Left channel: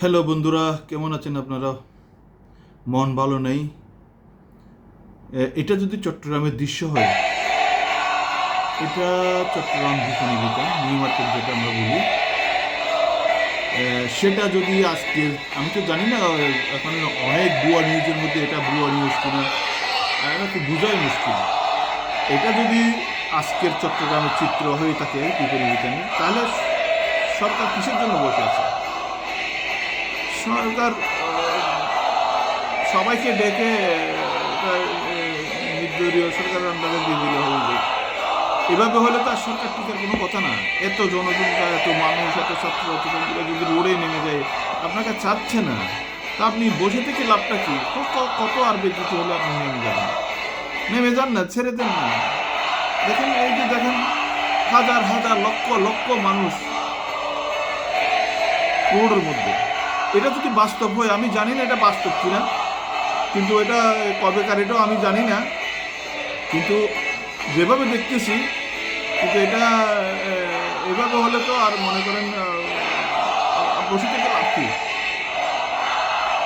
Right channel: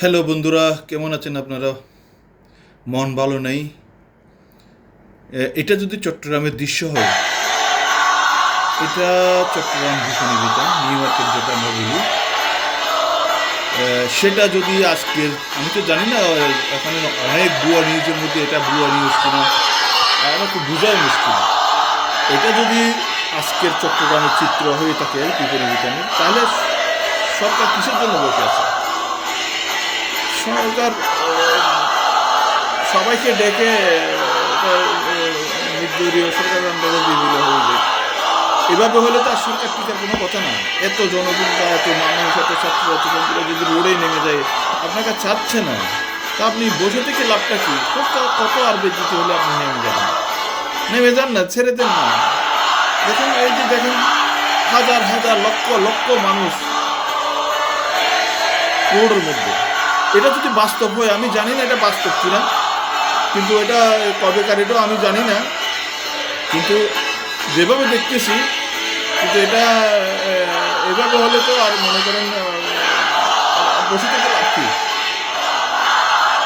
Hello বন্ধুরা, কেমন আছেন আপনারা? মন ভালো নেই। এটা যদি চট্টগ্রামের দৃশ্য হয়, এটা চট্টগ্রাম বিপণিবিতান নিউ মার্কেট যেটা আমরা বলি, সেটা যদি আজকের, আমি তো জানি না, এখানে অনেক ভুয়া নিউজের মধ্যে এটা ভুয়া নিউজ কিনা এটা তো বোঝাই মুশকিল। এটা যদি আজকের চট্টগ্রামের চিত্র হয়ে থাকে বিপণিবিতানের, তাহলে সরকার কিসের জন্য বসে আছে? সরকার সবাইকে ডেকে নির্দলীয় সরকার আন্দোলন দিয়ে দিলে হয়ে যায়। এভাবে হলে তো আর সরকার টিকার কোনো কথা না। এত জনসংখ্যা, এত মানুষ, এত ছাত্রছাত্রীরা যদি রোডে নেমে যায়, আপনাকে চাচ্ছে না, তা আপনি বসে থেকে লাভটা কি? কত কত আর বেজিতে হলে আপনি নেমে যাবেন? নেমে যান না, ছেড়ে দেন না। দেখেন, এই যে দেখেন, হাজার হাজার লক্ষ লক্ষ মানুষ রোডের মধ্যে। এটা যদি বাস্তব হয়, আমি জানি না এটা বাস্তব কিনা, কিন্তু এটা কবেকার এটাও আমি জানি না, কিন্তু যেভাবে দেখতেছি, কিন্তু এটা এভাবে হলে তো আর মনে করেন বসে থেকে লাভ কি?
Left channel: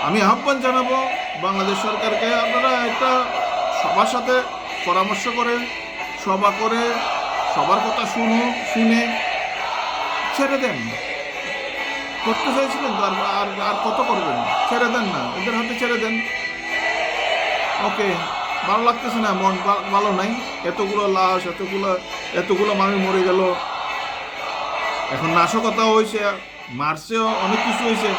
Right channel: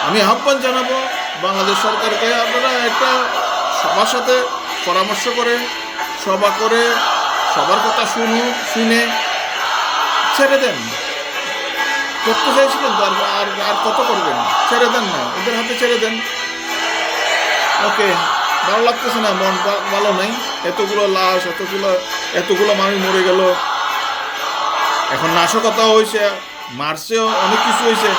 আমি আহ্বান জানাবো বাংলাদেশ সরকারকে, আপনারা একটা সবার সাথে পরামর্শ করে, সভা করে, সবার কথা শুনে ছেড়ে দেন। করতে চাইছিলেন তো, আর আর আর কত করবেন? ছেড়ে দেন না, ওদের হাতে ছেড়ে দেন। ওকে, ভালো লাগতেছে না, মন ভালো নাই। এতগুলো লাশ, এতগুলো মানুষ মরে গেল, এখন নাশকতা হয়েছে, মারছেও, অনেক কিছু হয়েছে,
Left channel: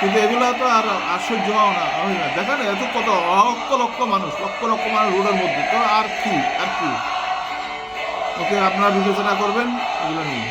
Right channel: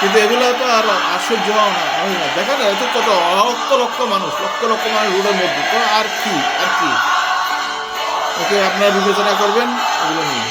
কিন্তু এগুলো তো আর সহ্য হয় না। দেখেন, এত কত লক্ষ লক্ষ মানুষ, লক্ষ লক্ষ মানুষ রোডের মধ্যে, তো আর কি? ওকে, আপনারা বিবেচনা করবেন এগুলো নিয়ে।